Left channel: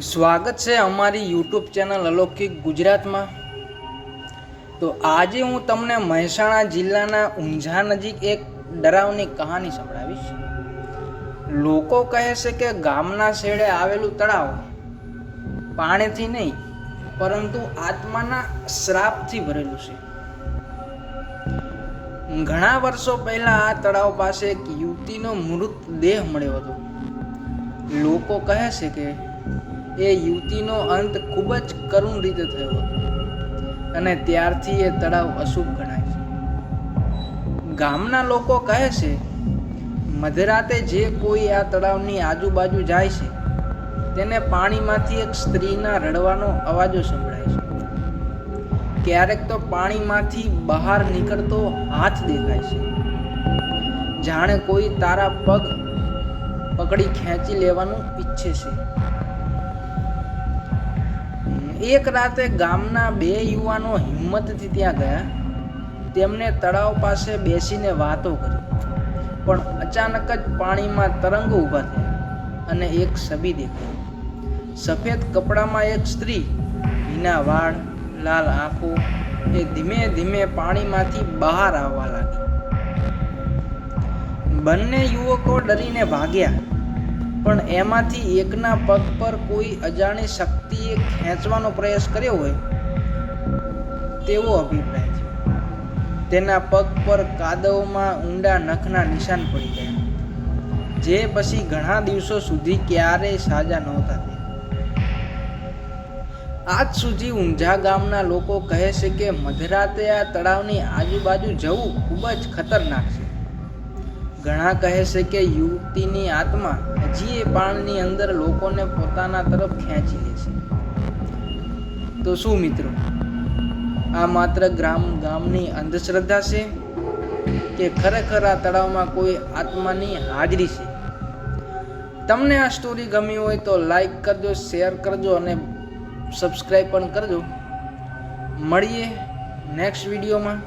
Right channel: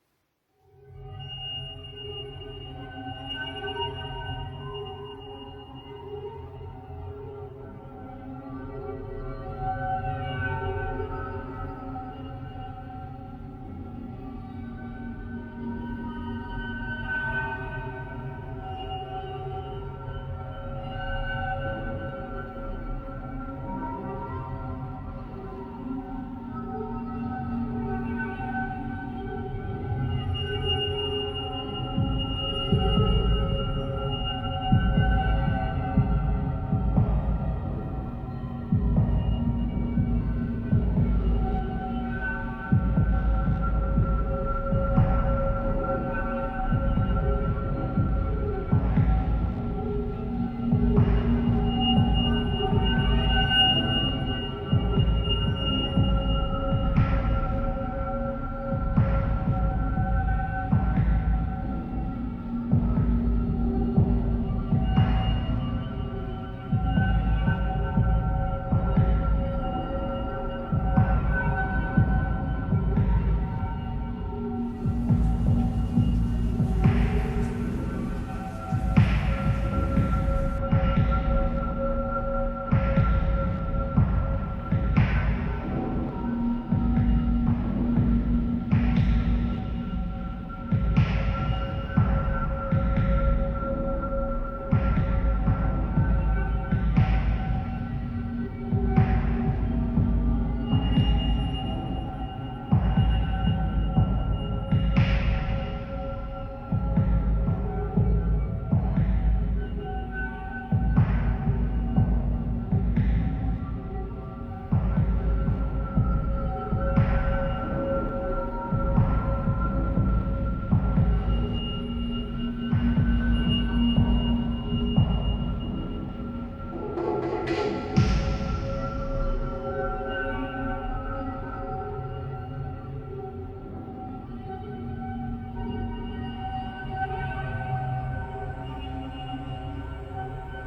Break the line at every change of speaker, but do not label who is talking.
સ્વાગત છે અમારી યુટ્યુબ ચેનલ અલૌકિક ગુજરાતમાં. તો આજે હું તમને મહેસાણા જિલ્લાના ઊંઝા નજીક એક ડરાવની કહાની સંભળાવીશ. લોકો કહે છે કે ગામના છેડે આવેલું તળાવ પાણીથી નહીં, પરંતુ આત્માના શ્રાપથી ભરેલું છે. ઘણા વર્ષો પહેલા આ તળાવ પાસે એક યુવતીનો મૃતદેહ મળ્યો હતો. લોકો કહે છે કે એ યુવતીનો અંત ખૂબ જ કરુણ રીતે થયો અને ત્યારથી એ તળાવ અશુભ ગણાય છે. ગામના લોકો કહે છે, મધરાતે જે કોઈ આ તળાવની આજુબાજુ જાય છે, તેને પાણીમાંથી એક સ્ત્રીના રડવાનો અવાજો સંભળાય છે. ક્યારેક તો પાણીમાંથી બહાર નીકળતો હાથ દેખાય છે. જાણે કોઈ તારા પગ પકડી ખેંચી લેવાનું ઈચ્છે છે. એક રાતે ગામના બે યુવાનો હિંમતથી ત્યાં ગયા. તેમને તળાવ પાસે બેસીને વાતો કરી. પણ અચાનક જ પાણીમાં તરંગો ઊભા થયા અને એક છબી દેખાઈ સફેદ કપડામાં એક સ્ત્રી ભીના વાળ, લાલ આંખો એ ધીમે ધીમે પાણીમાંથી બહાર આવવા લાગી. બંને યુવકો ડરીને ભાગ્યા. પણ એમાંથી એકના પગ પર કોઈ અજાણી શક્તિએ ખેંચવાનો પ્રયાસ કર્યો હોય, તેવો અભિપ્રાય છે. તેના પગ પર કાદવમાં ઊંડા નખના નિશાન પડી ગયા. જે પછી ઘણા દિવસો સુધી ક્યારેય સાજા નહોતા આજ સુધી ઊંઝા ગામના લોકો કહે છે કે મધરાતે આ તળાવની આજુબાજુ જવું ખૂબ જ ખતરનાક છે. ઘણા કહે છે કે યુવતીની આત્મા હજી એ પાણીની અંદર લોકોને પોતાના તરફ ખેંચી લે છે. તો શું મિત્રો? આ માત્ર ગ્રામ ગામની અંધશ્રદ્ધા છે કે ખરેખર આ તળાવમાં કોઈ આત્માની હાજરી છે? તમને આ સ્ટોરી ગમી હોય તો લાઈક કરજો શેર કરજો અને સબસ્ક્રાઈબ પણ કરજો. મળીએ નેક્સ્ટ વિડીયોમાં